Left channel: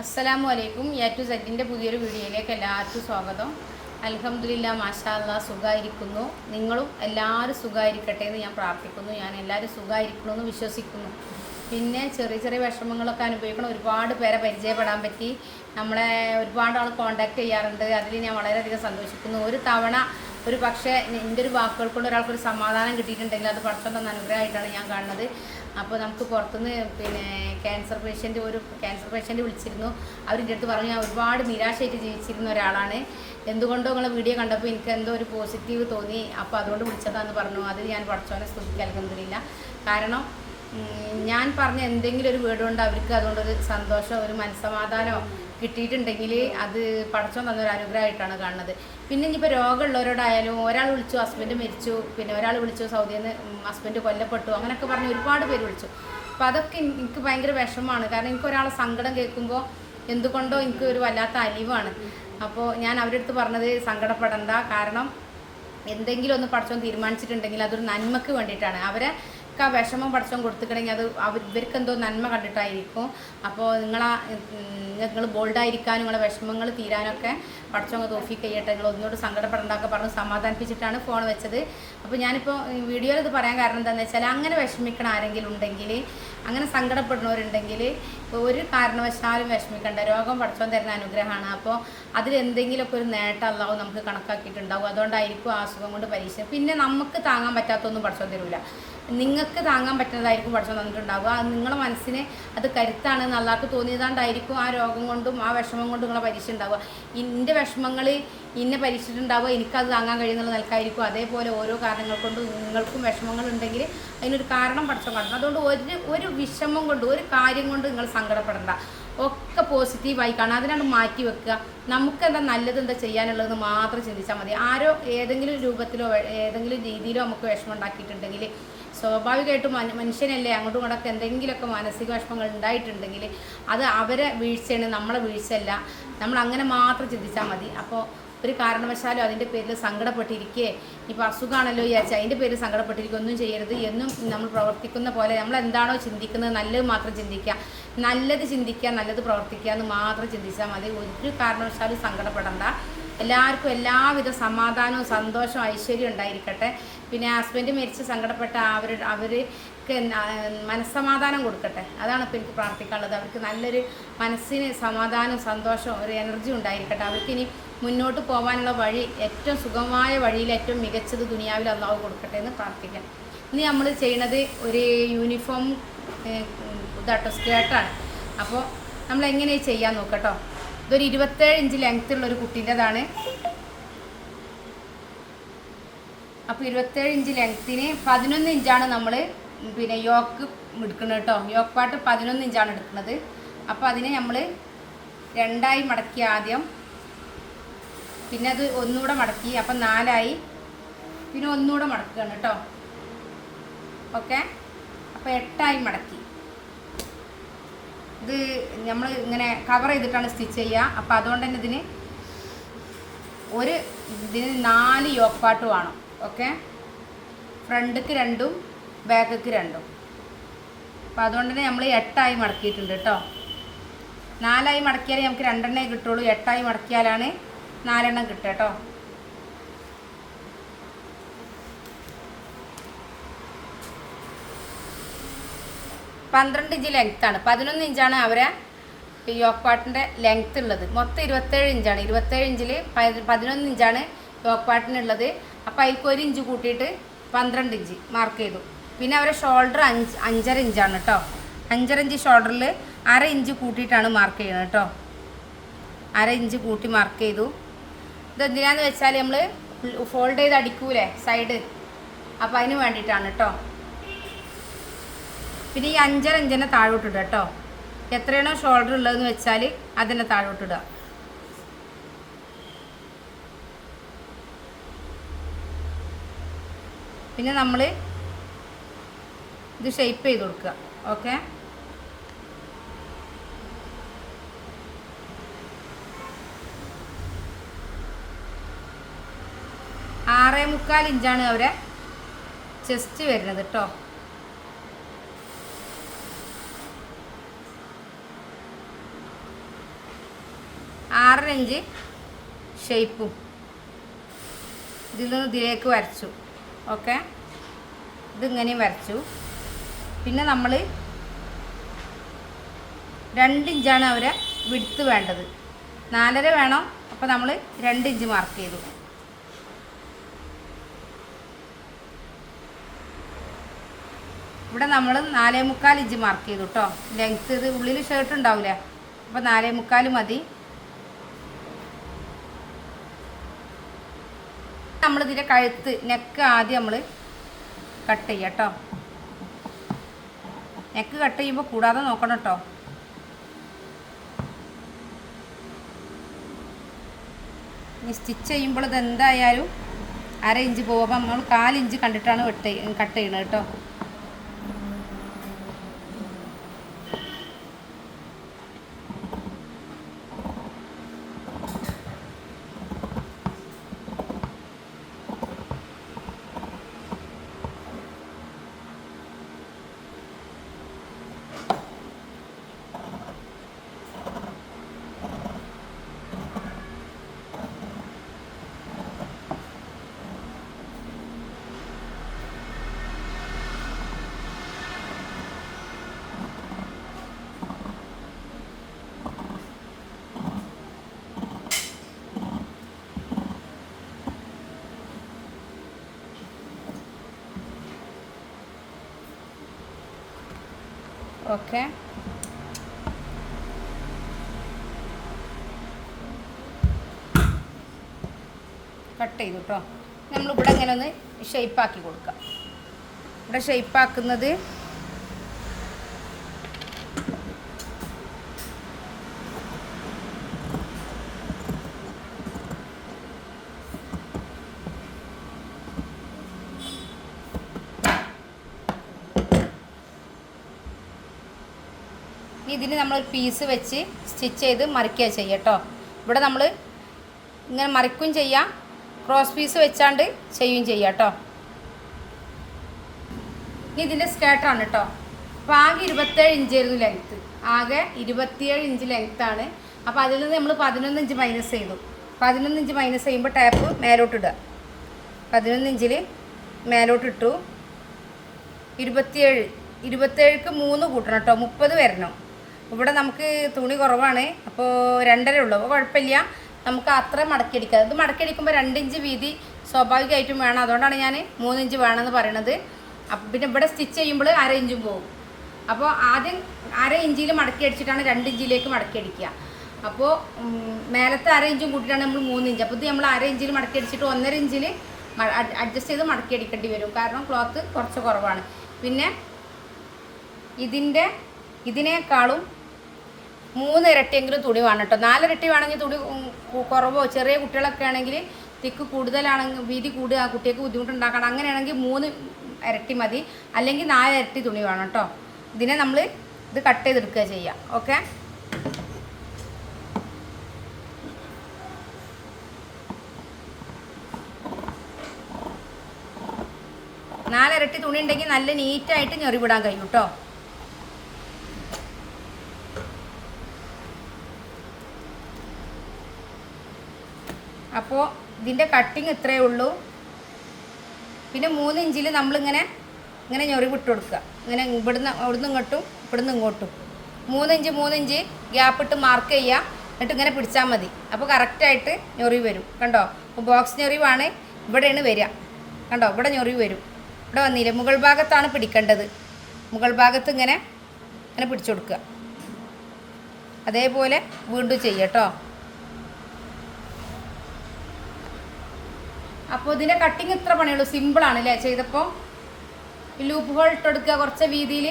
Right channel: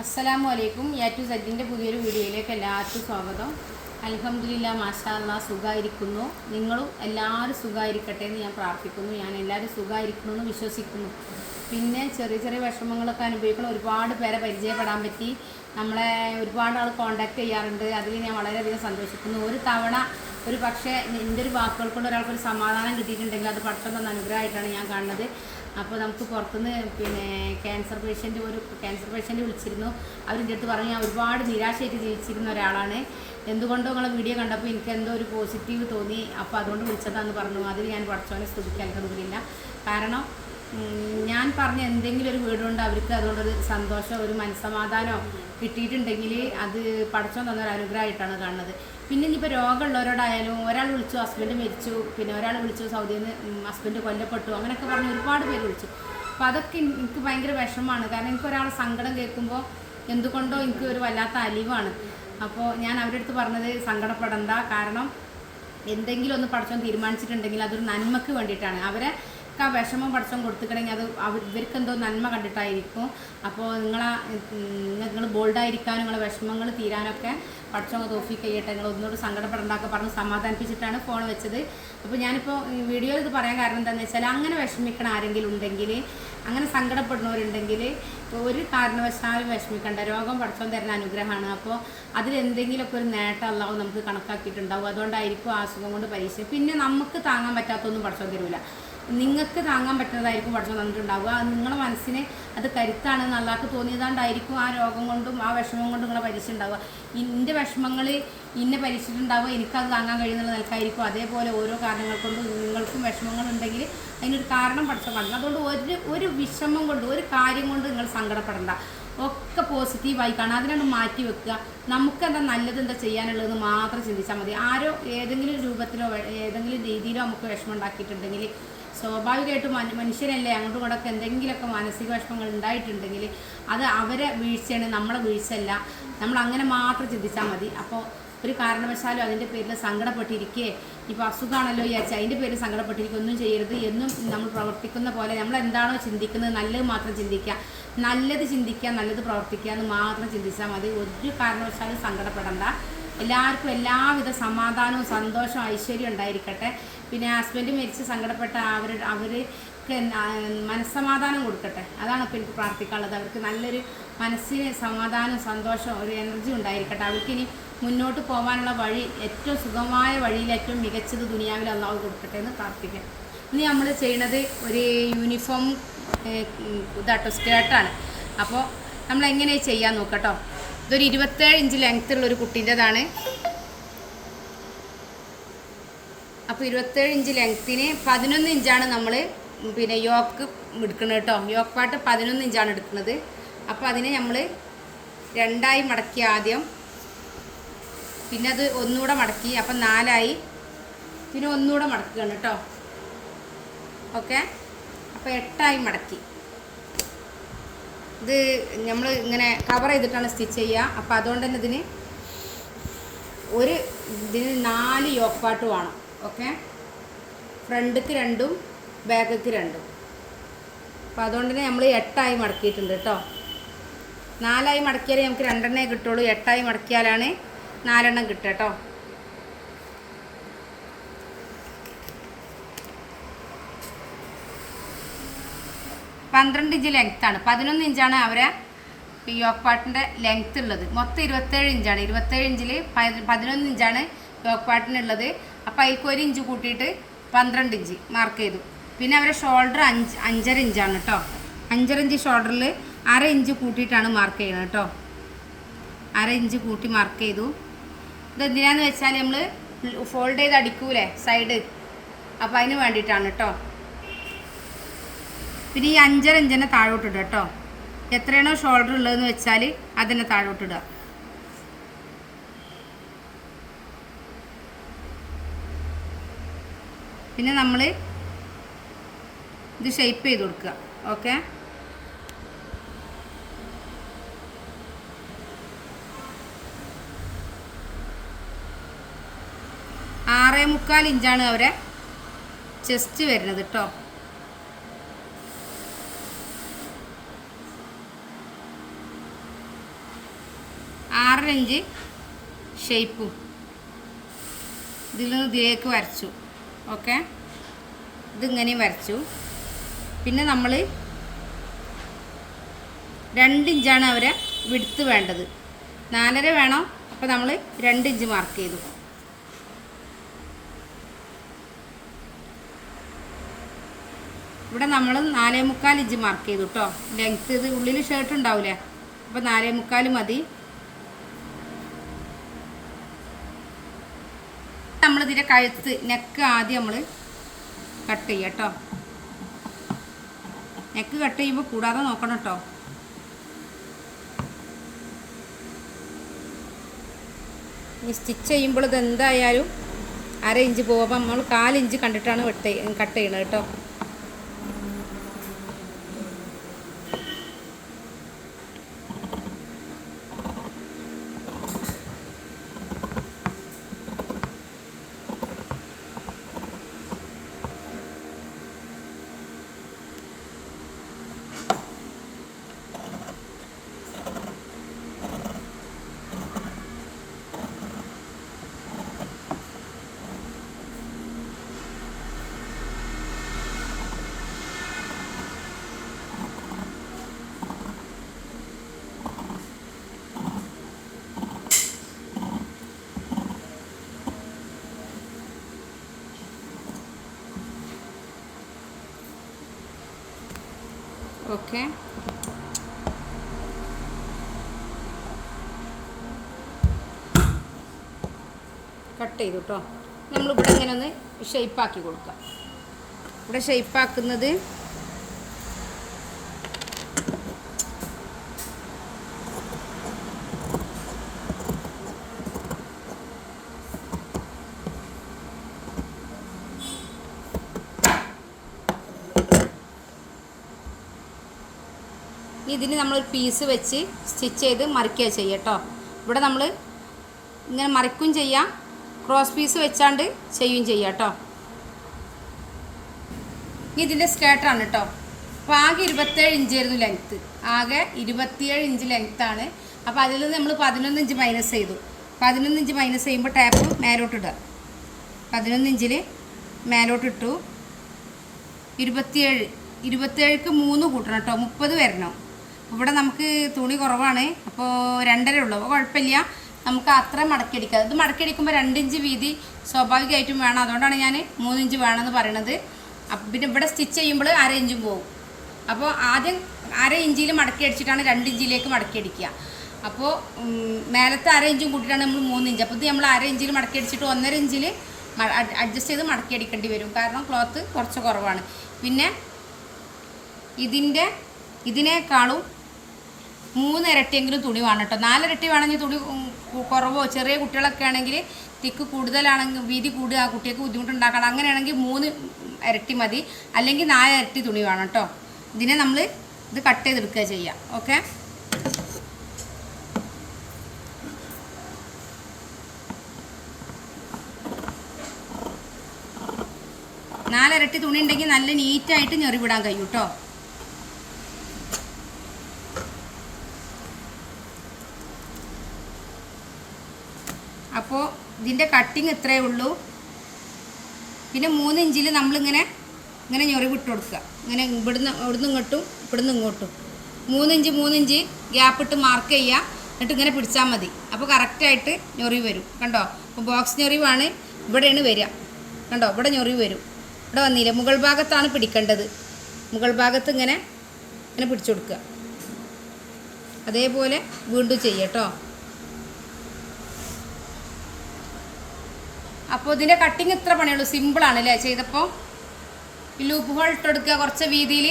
അസ്സലാമു അലൈക്കും A to സെറ്റിന്റെ പുതിയൊരു വീഡിയോയിലേക്ക് എല്ലാവർക്കും സ്വാഗതം. അലഹമില്ല മാഷാല്ല സുഖമായിരിക്കുന്നു നിങ്ങളും എല്ലാവരും സുഖമായിരിക്കട്ടെ എന്ന് ഞാൻ പ്രാർത്ഥിക്കുന്നു. ഞാൻ എല്ലാവരും സുഖമായിരിക്കണമെന്ന് വിശ്വസിക്കുന്നു. പിന്നെ ചെറിയ ചെറിയ വിഷമങ്ങളൊക്കെ അനുഭവിക്കണം ഒരുപാട് പേരെ പരിചയപ്പെടാൻ പറ്റി. നമ്മളെ ഒരുപാട് ആൾ കോണ്ടാക്ട് ചെയ്യാറുണ്ട്. അതിൽ ഞാൻ വളരെയധികം സന്തോഷിക്കുന്നു. ഒരു തവണ ഒരു പക്ഷേ എന്റെ ഒരു വാക്കുകൾ കൊണ്ട് ഒരാൾക്കൊരു സമാധാനം കിട്ടിയിട്ടുണ്ടെങ്കിൽ അത് പെട്ടെന്ന് അനുഗ്രഹമായിട്ടാണ് ഞാൻ കാണുന്നത്. അപ്പോൾ നമുക്ക് പുറത്തുനിന്ന് പിന്നെ ക്യാൻസർ പേഷ്യന്റ് ഒരു ക്യാൻസർ പേഷ്യന്റ് വിളിച്ചിരുന്നു. അവരിന്റെ അടുത്ത് പറഞ്ഞു ഞാൻ ഒരുപാട് നിരാശയായിട്ട് ജീവിച്ചിരുന്ന ഒരാളാണ്. എന്തുകൊണ്ടോ നിങ്ങളെ വീഡിയോ കണ്ടപ്പോൾ എനിക്ക് എന്തോ ഒരു പോസിറ്റീവ് തോന്നി. അപ്പോൾ അതുകൊണ്ട് വിളിച്ചതാന്ന് പറഞ്ഞു. അത് ഞാൻ പഠിച്ചവനെ സ്തുതിക്കാൻ നൽകുന്നില്ല കാരണം ഞാൻ പറഞ്ഞ എന്തെങ്കിലും ഒരു വീട് കൊണ്ട് അവർക്ക് അതുകൊണ്ട് ഒരു സന്തോഷം ഒരു മനസ്സമാധാനം കിട്ടിയിട്ടുണ്ടെങ്കിൽ അത് പഠിച്ചോ തന്നൊരു അനുഗ്രഹമായിട്ടാണ് കാണുന്നത്. പിന്നെ ഇനിയിപ്പോൾ രോഗമുള്ളവരോടായാലും ഒരാൾ വിളിച്ചു ഹസ്ബൻഡ് മരിച്ചു പിന്നെ ഒരാൾ വിളിച്ചു സൗദിയിൽ നിന്ന് ഹസ്ബൻഡ് കൊല്ലപ്പെട്ടു അങ്ങനെയൊക്കെ പറഞ്ഞ് ഒരുപാട് പേര് വിളിച്ചു. അപ്പോൾ അതൊക്കെ എനി- എനിക്ക് ഭയങ്കര വിഷമമാണ്. കാരണം എനിക്ക് ഒരാളെ സങ്കടം കേൾക്കുമ്പോൾ എന്തുകൊണ്ടോ എനിക്ക് ഒരു വല്ലാത്ത അലിവാണ്. അപ്പോൾ ഞാൻ അവരുടെ അടുത്ത് പറഞ്ഞത് സങ്കടപ്പെടണ്ട. കാരണം എന്തെങ്കിലും ഒന്ന് പഠിച്ചോ തീരുമാനിച്ചിട്ടുണ്ടെങ്കിൽ അതൊരു നന്മക്ക് വേണ്ടിയിട്ടാണ്. അവരെ ആ വിഷമം പഠിച്ചോൻ കൊടുത്തിട്ടുണ്ടെങ്കിൽ അത് ഇവർക്ക് എന്തോ നന്മ കണ്ടിട്ടായിരിക്കും. അപ്പോൾ നിങ്ങളാ നിങ്ങൾ ബോൾഡായിരിക്കാനും നിങ്ങളെ വിഷമങ്ങൾ തീരാനൊക്കെ പഠിച്ചോങ്ങ് തോഫി കഴിയട്ടെ നിങ്ങൾ ഒന്നുകൂടി സങ്കടപ്പെടേണ്ടതൊക്കെ പറഞ്ഞ് സമാധാനിപ്പിച്ചിട്ടാണ് ഫോൺ വെച്ചത്. അപ്പോൾ ഞാനിപ്പോൾ വീഡിയോയിൽ ഇത് പറയാൻ കാരണം എന്താണെന്ന് വെച്ചാൽ അങ്ങനെ വിഷമിക്കണ ആരെങ്കിലും ഉണ്ടെങ്കിൽ അങ്ങനെ സങ്കടപ്പെടുന്നവരുണ്ടെങ്കിൽ ഒരു കാരണവശാലും വിഷമിക്കണ്ട. രോഗം പഠിച്ചോൻ തരുന്ന അനുഗ്രഹമാണ്. അപ്പോൾ അതിലെന്തെങ്കിലുമൊക്കെ ഒരു നേട്ടം അല്ലാവും നമുക്ക് കണക്കാക്കിയിട്ടുണ്ടാവും. അതുകൊണ്ടായിരിക്കും ആ അസുഖം കൊണ്ട് പരീക്ഷ. പിന്നെ നമുക്ക് താങ്ങാൻ പറ്റാത്തൊന്നും പഠിച്ചോൻ തരില്ല നിങ്ങൾക്ക് താങ്ങാൻ പറ്റുന്നതായിരിക്കും പഠിച്ചു തന്നിട്ടുണ്ടാവുക. അത് നിങ്ങളുടെ മനസ്സിന് അത് കരുത്താണ് നല്ലാക്ക് തോന്നിയതാണ്ടായിരിക്കും ആ രോഗം കൊണ്ടും ആ വിഷമം കൊണ്ടും നിങ്ങളെ പരീക്ഷ ഉണ്ടാവുക ഇന്റെ വിഷമങ്ങൾ ഇന്നെ പരീക്ഷിച്ചിട്ടുണ്ടാവുക. എനിക്കത് താങ്ങാൻ കഴിയുന്നുള്ള നിൽക്കായിരിക്കും അതേപോലെ ഓരോ കാരണങ്ങൾ കൊണ്ടും നിങ്ങൾക്കും വിഷമങ്ങൾ ഉണ്ടെങ്കിൽ അതിനൊരു കാരണം പഠിച്ചോൻ കാണണം അതുകൊണ്ട് ഒരു ഒരു വിഷമം കൊണ്ട് ഒരു കാര്യം കൊണ്ട് നിങ്ങൾ സങ്കടപ്പെടണ്ട. ഒക്കെ പോസിറ്റീവായി കാണാം അതിനാണ് മാറ്റി വെക്കുക. നമുക്ക് എന്താ നല്ലത് എന്താ ചെയ്യാനുള്ളതെന്ന് മാത്രം ചിന്തിച്ചാൽ മതി. ആരോ ഏതെങ്കിലും രൂപത്തിലോ ഏതെങ്കിലും രീതിയിലോ നമുക്ക് വിഷമം ഉണ്ടാക്കിയിട്ടുണ്ടെങ്കിൽ സ്വാഭാവികമായിട്ടും മനു- മനുഷ്യനല്ലേ അങ്ങോട്ടും ഇങ്ങോട്ടൊക്കെ എന്തെങ്കിലുമൊക്കെ മാനസിക വിഷമങ്ങൾ ഉണ്ടായിട്ടുണ്ടെങ്കിൽ അത് അവരെ വീഴ്ചയാണ് നമ്മളെ വീഴ്ചയല്ല. നമ്മൾ അങ്ങനെ മാത്രം ചിന്തിച്ചാൽ മതി. അപ്പോൾ ഒരു കാരണവശാലും അതിന്റെ പേരിൽ സങ്കടപ്പെട്ടിരിക്കുകയെ ഇപ്പോൾ അസുഖമാണല്ലോ വിചാരിച്ചാൽ അതിന്റെ പേരിൽ സങ്കടപ്പെട്ടിരിക്കുക ഒന്നും ചെയ്യരുത്. എന്നും നമ്മൾ പ്രവർത്തിക്കുന്ന പോലെ നമ്മൾ എന്താണോ ചിന്തിക്കുന്നത് നല്ലത് മാത്രം ചിന്തിക്കുക. നല്ലത് ചിന്തിക്കുക നല്ലത് പ്രവർത്തിക്കുക എന്ന് മാത്രം ചിന്തിച്ചാൽ മതി. ഒരു കാരണവശാലും സങ്കടപ്പെടണ്ട. എല്ലാവർക്കും എല്ലാവിധ സമാധാനവും സന്തോഷവും ഐശ്വര്യം ഉണ്ടായിരിക്കട്ടെ. പിന്നെ ഹസ്ബൻഡ് മരിച്ച് സങ്കടപ്പെട്ട അവർ അവർക്ക് മനസ്സമാധാനം കൊടുക്കട്ടെ. അതാണ് ഇപ്പോൾ എനിക്ക് പ്രാർത്ഥിക്കാനുള്ളത്. അവർക്ക് നല്ലൊരു മനസ്സിന് സമാധാനവും സന്തോഷവും ഒരു എനർജി ഉണ്ടായിരിക്കട്ടെ. അവർക്കിനി മുന്നോട്ട് പോകാനുള്ള വഴി ഏറ്റവും സുഖമായ വഴിയിൽ ഏറ്റവും മികച്ചത് ദുനിയാവിൽ അള്ളാഹു കൊടുക്കട്ടെ എന്ന് പ്രാർത്ഥിക്കാം. ഇനി നമ്മൾ ചെയ്യുന്നത് ഒരു യൂണിഫോം ഇതാട്ടോ സ്കേർട്ടാണ് അപ്പോൾ നമ്മൾ എങ്ങനെ ചെയ്യാൻ നോക്കട്ടോ ഇതൊരു ഇരുപത്തേഴ് ഇഞ്ച് ലെങ്ത് ഉള്ള ഒരു കുട്ടീന്റെതാണ്. അപ്പോൾ ഇരുപത്തേഴ് ഇഞ്ച് ലെങ്ത്തിന് പതിനൊന്ന് ഇഞ്ചാണ് നമ്മൾ പിന്നെ യോക്ക് എടുക്കുന്നത് കേട്ടോ യോക്ക് പാട്ട് പതിനൊന്ന് ഇഞ്ചാണ് എടുക്കുന്നത് അപ്പോൾ അതിനെ നമ്മൾ രണ്ടായി മടക്കി ആദ്യം. പിന്നെ അത് ഒന്നുകൂടെ മടക്കി അപ്പം നാലായി. പിന്നെ ഒന്നുകൂടെ മടക്കുകയാണ് കേട്ടോ ഓക്കെ? അപ്പോൾ എട്ടായി മടക്കി. ഇത് നമ്മൾ ഇങ്ങനെ കവർ ചെയ്തിട്ടാണ് സ്റ്റിച്ച് ചെയ്യുക. അപ്പോൾ അതുകൊണ്ട് തന്നെ ഇതിന് ഒരു ഇതിന് നാല് യോക്കാട്ട് വേണം. ഓക്കെ ഫ്രണ്ടിക്ക് രണ്ടും ബാക്കിക്ക് രണ്ടും. അപ്പോൾ അതുകൊണ്ട് തന്നെ നമ്മൾ എട്ടായി മടക്കിയിട്ടുണ്ട് കേട്ടോ നാലായി മടക്കിയാലേ നമുക്ക് രണ്ടെണ്ണേ കിട്ടുള്ളൂ. എട്ടായി മടക്കിയാലാണ് നാലെണ്ണം കിട്ടുക കേട്ടോ പന്ത്രണ്ട് ഇഞ്ച് ലെങ്ത്താണ് പതിനൊന്ന് ഇഞ്ചാണ് അവരെ ഈ യോക്പാട്ടിന്റെ ലെങ്ത്ത് ഉള്ളത്. മൊത്തം ഇരുപത്തേഴ് ഇഞ്ചാണ്. ഇരുപത്തേഴ് ഇഞ്ചിൽ പതിനൊന്ന് ഇഞ്ചാണ് യോക്പാട്ടിനുള്ളത് അപ്പോൾ അതിൽ ഒരു ഇഞ്ച് കൂട്ടിയിട്ട് പന്ത്രണ്ട് ഇഞ്ച് മാർക്ക് ചെയ്തു. പിന്നെ അവരെ ഷോൾഡർ അഞ്ച് അഞ്ചര ഇഞ്ചാണ് കേട്ടോ അഞ്ചര ഇഞ്ച് ഷോൾഡറിൽ അര ഇഞ്ച് കൂട്ടിയിട്ടാണ് മാർക്ക് ചെയ്യുന്നത് കേട്ടോ അര ഇഞ്ച് കൂട്ടി മാർക്ക് ചെയ്തു. ഇതെന്തിനാന്ന് വെച്ചാൽ നമ്മൾ ഫോൾഡ് ചെയ്ത് അടിക്കൂലേ? സൈഡ് അപ്പോൾ അതിന് വേണ്ടിയിട്ടാണ് കേട്ടോ പിന്നെ ഈ അഞ്ചര ഇഞ്ചിനെ താഴോട്ടിടുക കേട്ടോ എത്രയാണോ ഷോൾഡർ ഉള്ളതെന്ന് വെച്ചാൽ അതിനെ താഴോട്ടിടുക പിന്നെ നമ്മൾ ഇത് ഷെയ്പ്പ് ചെയ്ത് കൊടുക്കുക. ഓക്കെ ആറേ മുക്കാൽ ഇഞ്ചാണ് അവരെ ചെസ്റ്റ് വരുന്നത് കേട്ടോ ഇഞ്ച് ഷേപ്പും. ഇതിൽ നിന്ന് ഇതിലേക്ക് വരച്ചു. ഓക്കെ? ഇതിങ്ങനെയും വരച്ചു. പിന്നെ നമ്മൾ രണ്ട് ഇഞ്ചാണ് അവരെ വിടുത്ത് വേണ്ടത്. നാലര വേണം അപ്പോൾ നമ്മൾ രണ്ട് ഇഞ്ച് മാർക്ക് ചെയ്തു. ഇവിടെ നമ്മൾ നാലേ മുക്കാൽ ഇഞ്ച് മാർക്ക് ചെയ്തു കേട്ടോ ലെങ്ത് ഇത് ഉള്ളിൽ ഷർട്ട് ഉണ്ടാവില്ലേ അപ്പോൾ നാലേ മുക്കാൽ മതി. നമ്മളിതിന്റെ കഴുത്ത് നെക്ക് ആദ്യം നമ്മൾ കട്ട് ചെയ്യാം കേട്ടോ നെക്ക് കട്ട് ചെയ്യുമ്പോൾ കൂടാതെ നോക്കണം കേട്ടോ ഈ സ്റ്റിച്ച് ചെയ്യുമ്പോൾ ഇത് എന്തായാലും അര ഇഞ്ച് പോകുമ്പോൾ നമ്മൾ കാലിഞ്ച് കണ്ടിട്ടാണ് വെട്ട് കട്ട് ചെയ്യണത് കേട്ടോ ഓക്കെ. കട്ട് ചെയ്തു കേട്ടോ നമ്മളിവിടെ ഇങ്ങനെ ഒന്ന് ഷേപ്പാക്കി കൊടുക്കാം. ഇവിടെ ഷേപ്പാക്കുന്നത് ഇതിന് നമ്മൾ പീസ് വെച്ച് സ്റ്റിച്ച് ചെയ്ത് മറിക്കുക ചെയ്യുക കേട്ടോ ഇവിടെ നമ്മൾ ഇങ്ങനെ മറിക്കും ചെയ്യാം ക്രോസ് പീസ് വെച്ചാണ്ട് ചെയ്യുകയും ചെയ്യാം കേട്ടോ ഇതിന്റെ സ്കേർട്ടാണ് കേട്ടോ അപ്പോൾ ആകെ ഇരുപത്തേഴ് ഇഞ്ചായിരുന്നു ലെങ്ത്ത് ആകെ ഇരുപത്തിയേഴ് ഇഞ്ച് ലെങ്ത്താണ് അപ്പോൾ അതിൽ നിന്ന് നമ്മൾ പതിനൊന്ന് ഇഞ്ച് മൈനസ് ചെയ്തു. പതിനൊന്ന് ഇഞ്ച് മൈനസ് ചെയ്യുമ്പോൾ ടാപ്പ് മേലോട്ട് ഇടുക. പതിനൊന്ന് ഇഞ്ചിൽ മേലോട്ട് ഇട്ടു. ഇരുപത്തിയേഴ് ഇരുപത്തേഴുക്ക് മൂന്ന് കൂട്ടണം കേട്ടോ മുപ്പത് വരണം. ഇവിടെ നമുക്ക് തുണി കുറവാണ്. അപ്പോൾ രണ്ടര ഉള്ളൂ. അപ്പോൾ കുഴപ്പമില്ല. നമുക്ക് അത്ര മടക്കിയടിക്കാം. ഇത് മടക്കിയടിക്കുമ്പോൾ രണ്ടിഞ്ച് വീതി സ്വാഭാവികമായിട്ടും വേണം. അതുകൊണ്ടാണ് ഞാൻ മൂന്നിഞ്ച് വേണമെന്ന് പറയണത്. അപ്പം പിന്നെ ഇവിടെ സ്റ്റിച്ച് ചെയ്യുമ്പോൾ അര ഇഞ്ചും പോകും അപ്പോൾ ആദ്യം അര ഇഞ്ചിൽ മടക്കി അടിച്ചിട്ടാണ് രണ്ട് ഇഞ്ചിലേക്ക് മടക്കി അടിക്കുക അപ്പോൾ മേലത്തെ അര ഇഞ്ചും കൂട്ടിയിട്ടാണ് നമ്മൾ മൂന്ന് ഇഞ്ച് അപ്പോൾ ഇത് നമ്മൾ അര ഇഞ്ചിൽ മടക്കി അടിച്ചിട്ട് ഒന്നര ഇഞ്ചിൽ അഡ്ജസ്റ്റ് ചെയ്ത് മടക്കി അടിക്കേണ്ടി വരും. കാരണം ക്ലോത്ത് കുറച്ച് കുറവാണ്. പിന്നെ ഇതിന്റെ ഇതിനേക്കാളും മൂന്ന് ഇരട്ടിയെങ്കിലും തുണി വേണം കേട്ടോ നാലിരട്ടി വേണമെങ്കിൽ തുണി കുറവോ ചെറിയ കുട്ടികളൊക്കെ ആണെങ്കിൽ തിക്ക് കൂടുതലാണെങ്കിൽ വീതി കൂടുക ആ കുട്ടിയൊക്കെ ബുദ്ധിമുട്ടുണ്ടാക്കണം. അങ്ങനെയാണെങ്കിൽ മൂന്ന് ഇരട്ടി മതി. അല്ലെങ്കിൽ നാല് ഇരട്ടി തുണി വേണം കേട്ടോ ഇതിനെ നമ്മൾ ഇത് കട്ട് ചെയ്തെടുക്കുക ചെയ്യാം. ഓക്കെ? നാലിരട്ടി തുണി ഉണ്ടെങ്കിൽ നല്ല നീറ്റായിട്ട് ഞെറിവിടാൻ കഴിയും കേട്ടോ അപ്പോൾ ഇതിന്റെ കട്ടിങ് ഇത്രയേ ഉള്ളൂ. പിന്നെ മൂന്ന് ഇഞ്ചിൽ നമ്മളിങ്ങനെ ഇങ്ങനെ ഞൊറി വിട്ട് കൊടുക്കുക. ഇങ്ങനെ ഇവിടുന്ന് ഇവിടുന്ന് ഇങ്ങോട്ടും ഇവിടുന്ന് ഇങ്ങോട്ടും. മൂന്ന് ഇഞ്ച് മൂന്ന് ഇഞ്ച് ഗ്യാപ്പ് ഇട്ട് മാർക്ക് ചെയ്യുക. എന്നിട്ട് ഇങ്ങനെ പിടിച്ചാൽ മതി. അപ്പോൾ കറക്റ്റായിട്ട് ഞൊറി വരും. കണ്ടോ? അപ്പോൾ ബോക്സ് ഞൊറിവാണ്. ഇവിടെയാണ് വരിക. കണ്ടോ? ഇവിടെ ഞൊറി വരും. ഇവിടെ വന്നില്ല? മുകൾ ഭാഗത്താണ് പിടിക്കേണ്ടത്. മുകൾ ഭാഗത്ത് ഇങ്ങനെ ഇങ്ങനെ പിടിച്ചു കൊടുക്കുക. അതേപോലെ വീണ്ടും ചെയ്യട്ടോ അപ്പോൾ ഇതിന്റെ കട്ടിങ് ഇത്ര പണിയുള്ളൂ. സിമ്പിളാണ് അല്ലേ ചെയ്തപ്പോൾ ലൂപ്പ് ഹോൾ ഇട്ടെടുക്കുക കുറച്ച് വീതിയിൽ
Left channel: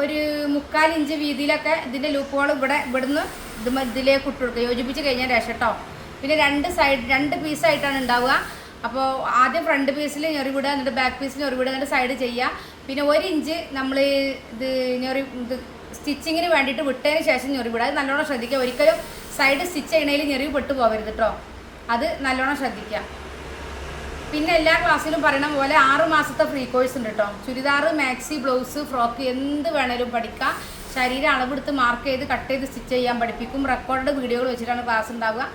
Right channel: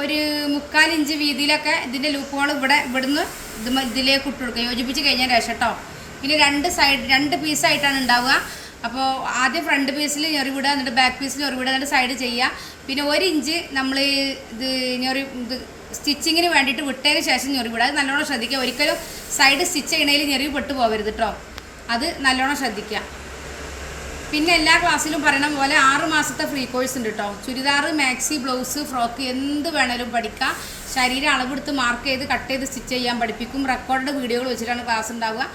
ഒരു മുക്കാൽ ഇഞ്ച് വീതിയിലൊക്കെ ഇതിന്റെ ലൂപ്പ് ഹോൾ ഇവിടെ ഇവിടുന്ന് ഇത് ഇതിലേക്ക് ഇട്ട് കൊടുക്കുക. യോജിപ്പിച്ച് കഴിഞ്ഞാൽ രക്ഷ കേട്ടോ പിന്നെ രണ്ട് സൈഡ് രണ്ട് പീസായിട്ടാണ് ഉണ്ടാവുക. അപ്പോൾ ആദ്യം ഫ്രണ്ട് പീസിൽ ഞൊറി വിടുക എന്നിട്ട് ബാക്ക് പീസിൽ ഞൊറി വിടുക എന്നിട്ട് സൈഡ് ചെയ്യുക. പിന്നെ ഒരു ഇഞ്ച് നമ്മൾ ഇത് ഞൊറി ഇത് സ്റ്റിച്ചിങ്ങിന് വേണ്ടിയിട്ട് വിട്ടതിന് ശേഷം ഞൊറി വിടുക. അത് നല്ലോണം ശ്രദ്ധിക്കുക. ഒരിക്കലും സൈഡ് സ്റ്റിച്ച് ചെയ്യണതിൽ ഞെറിവ് പെട്ടു പോകരുത് കേട്ടോ അത് നല്ലോണം ശ്രദ്ധിക്കുക. പിന്നെ എല്ലാ ക്ലാസ്സിലും പറയണ പോലെ ആറ് മാസത്തെ ഫ്രീ കോഴ്സ് ഉണ്ട് കേട്ടോ ചുരിദാർ മാക്സി ബ്ലൗസ് ഫ്രോക്ക് എന്ത് വേണേലും പഠിക്കാം. ശരീരം അളവെടുത്ത് മാർക്ക് ചെയ്ത് കട്ട് ചെയ്ത് സ്റ്റിച്ച് ചെയ്യാൻ പഠിപ്പിക്കും. റെക്കോർഡ് വീഡിയോകൾ വെച്ചിട്ടാണ് ക്ലാസ് ഉണ്ടാവുക.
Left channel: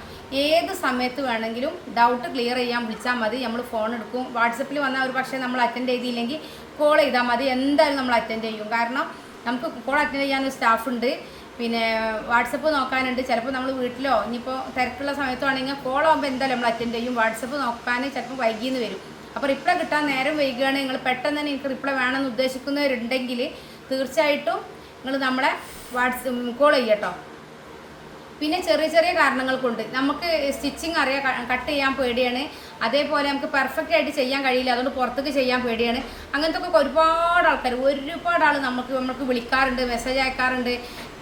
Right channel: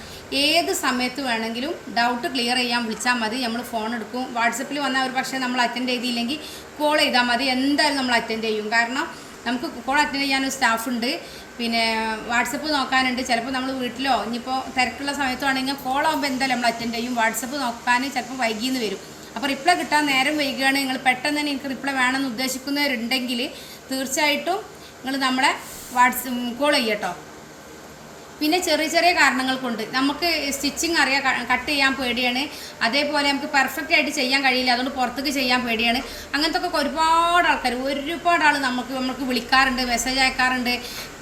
ഏത് സമയത്ത് വേണമെങ്കിലും ഡൗട്ട് ക്ലിയർ ചെയ്യാൻ വിളിച്ചാൽ മതി. നമ്മൾ ഫോൺ എടുക്കും. വാട്സപ്പിൽ വന്നാൽ ഒരു പക്ഷേ നമ്മൾ അറ്റൻഡ് ചെയ്തില്ലെങ്കിൽ കോൾ ചെയ്താൽ മതി. എന്തായാലും നമ്മൾ അറ്റൻഡ് ചെയ്യും. കാരണം നമുക്ക് കോൾ അറ്റൻഡ് ചെയ്യാനൊരു സ്റ്റാഫ് ഉണ്ട്. പിന്നെ വാട്സപ്പ് നോക്കാനുണ്ട്. ചിലപ്പോൾ നമ്മൾ വീട്ടിലോ ഇനിയിപ്പോൾ തിരക്കുള്ള സമയത്താണെങ്കിൽ കോൾ ആകുമ്പോൾ എന്തായാലും നമ്മൾ അറ്റൻഡ് ചെയ്യും. വാട്സപ്പ് നോക്കാൻ ചിലപ്പോൾ വൈകിന്ന് വരും. അപ്പോൾ റിപ്ലൈ കിട്ടാൻ നേരം വൈകുകയാണ്. നിങ്ങൾ പെട്ടെന്ന് തന്നെ എനിക്ക് റിപ്ലൈ വേണമെന്ന് ഉദ്ദേശിക്കുന്നവരുണ്ടെങ്കിൽ തീർച്ചയായിട്ടും നിങ്ങൾ നമ്മളെ വാട്സ് കോൾ ചെയ്യട്ടോ പിന്നെ ചെറിയ ചെറിയ കാരണങ്ങൾ കൊണ്ട് നമുക്ക് സ്റ്റിച്ചിങ് അറിയാം കട്ട് ചെയ്യാൻ പേടിയാണ്. അതേപോലെ നമുക്ക് പെർഫെക്റ്റ് ആയിട്ട് ചെയ്യാൻ കഴിയില്ല. അതുകൊണ്ട് പുറത്തേക്ക് ചെയ്യാൻ പേടിയാണ്. അങ്ങനത്തെ ഒക്കെ ഒരുപാട് ആൾക്കാർ ഒരുപാട് ആൾ നമുക്ക് നമുക്ക് വിളിക്കാറുണ്ട് മെസ്സേജ് അയക്കാറുണ്ട്.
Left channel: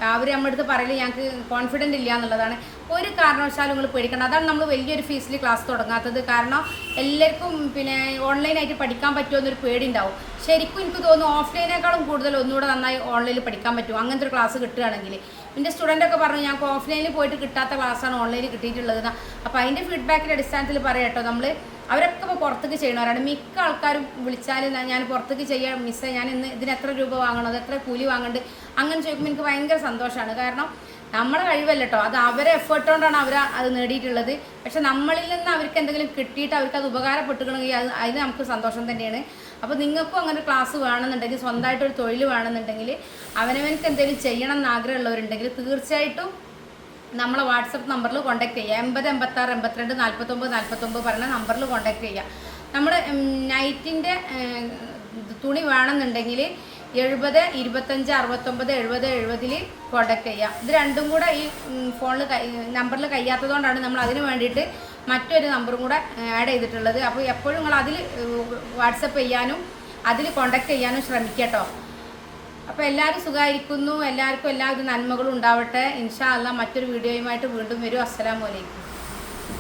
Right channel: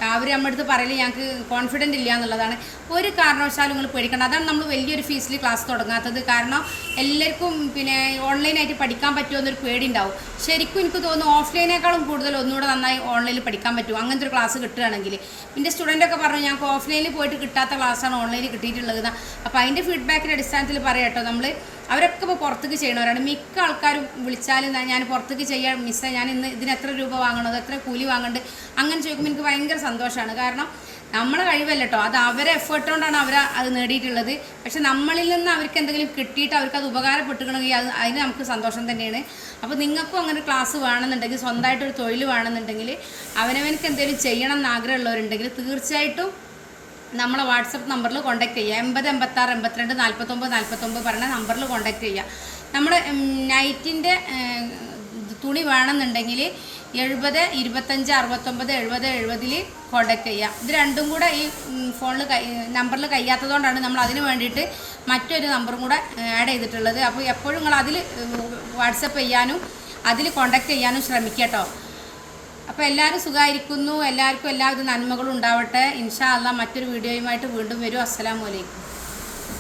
അവർ നമ്മുടെ അടുത്ത് പറയൽ ഞങ്ങൾക്ക് കോൺഫിഡന്റ് ഇല്ല എന്നുള്ളതാണ്. ഒരു കാരണവശാലും നിങ്ങൾ പേടിക്കണം അതാണ് നമ്മൾ വലിയൊരു ഫീസിൽ ക്ലാസ് തുടങ്ങാത്തത്. കാരണം എല്ലാവർക്കും പിന്നെ ഓൺലൈനായിട്ട് പഠിക്കാൻ പറ്റുമോ എന്നൊരു പേടി ഉണ്ടാവും ശരിക്കും എനിക്ക് തോന്നുന്നു ഓഫ്ലൈനേക്കാളും കൂടുതൽ ഒന്നുകൂടെ നന്നായി ഓൺലൈനിൽ പഠിക്കാൻ പറ്റും. അങ്ങനത്തെ ഒരു ക്ലാസ് കിട്ടുകയാണെങ്കിൽ എന്റെ സ്റ്റുഡന്റൊക്കെ പറഞ്ഞു ഞങ്ങൾക്ക് ഓഫ്ലൈനിൽ പോയിട്ട് കിട്ടാത്ത ക്ലാസ്സാണ് ഓൺലൈനിൽ കിട്ടിയിട്ടുള്ളത് അപ്പോൾ അതിന്റെ ഫീഡ്ബാക്കിന്റെ അടിസ്ഥാനത്തിൽ പറയാം കേട്ടോ നമ്മൾ അവരൊക്കെ ഇപ്പോൾ പുറത്തേക്ക് ചെയ്യണവരാണ്. മിക്ക ആൾക്കാരും വിളിച്ചാൽ ഞാൻ പുറത്തേക്ക് ചെയ്യാൻ മിസ്സേ ഞാൻ ഇന്ന് ഇതിന് എത്ര രൂപ വാങ്ങണത് എത്ര കൂലി വാങ്ങണ്ട് അങ്ങനെ ചോദിക്കുമ്പോൾ എനിക്ക് ഭയങ്കര സന്തോഷമാണ് കാരണം നമ്മളെ കഴിവല്ല കേട്ടോ അത് അവരെ എഫേർട്ട് കൊണ്ടാണ് അവർ അത് നേടിയിട്ടുള്ളത്. പക്ഷെ നമ്മളിൽ നിന്ന് അവർക്ക് എന്തെങ്കിലും കിട്ടിയിട്ട് അവർക്ക് അത് ഉപകാരപ്പെട്ടുകണമെങ്കിൽ അത് അതിന് നമുക്ക് സന്തോഷം തന്നെയാണ്. അപ്പോൾ നിങ്ങൾക്കും അങ്ങനെ ഒരു ക്ലാസ് വേണമെന്നുണ്ടെങ്കിൽ സ്വന്തമായിട്ടൊരു തൊഴിൽ വേണമെന്നുണ്ടെങ്കിൽ അവനവനക്ക് എന്തെങ്കിലും ചെയ്യണം എന്ന് ആഗ്രഹമുള്ളവരുണ്ടെങ്കിൽ തീർച്ചയായിട്ടും നമ്മളെ വാട്സപ്പ് നമ്പറിൽ കോൺടാക്ട് ചെയ്യുക എൺപത് എൺപത്താറ് എൺപത്തിരണ്ട് നാൽപ്പത്തൊമ്പത് നാൽപ്പത്തൊമ്പത് പറഞ്ഞ നമ്പറിൽ കോൺടാക്ട് ചെയ്യുക നമ്മൾ നൈറ്റിന്റെ തുണി വേണമെന്നുണ്ടെങ്കിൽ എഴുപത് ഇരുപത്തഞ്ച് അറുപത്തൊമ്പത് എഴുപത് എഴുപതിൽ കോൺടാക്ട് ചെയ്യുക ഇത് രണ്ടും കൂടെ ഈ ഫോണിൽ കൈ നമ്പറിൽ കഴിയാത്തതുകൊണ്ടാണ് നമ്മൾ അതിന് വേണ്ടിയിട്ട് മറ്റൊരു നമ്പറും കൂടെ ആഡ് ചെയ്തിട്ടുള്ളത്. അപ്പോൾ എപ്പോഴും നിങ്ങൾ അതിൽ വാട്സപ്പ് ചെയ്യാനും അതിൽ കോൺടാക്ട് ചെയ്യാനും ശ്രമിക്കട്ടോ കേട്ടോ. അപ്പോൾ എല്ലാവരും സുഖമായിരിക്കുന്നു എല്ലാവർക്കും എല്ലാവിധ നന്മകളും ഉണ്ടാവട്ടെ. ഇൻഷാ അല്ല മറ്റൊരു വീഡിയോയുമായിട്ട് വീണ്ടും വരും. അസ്സലാമു അലൈക്കും.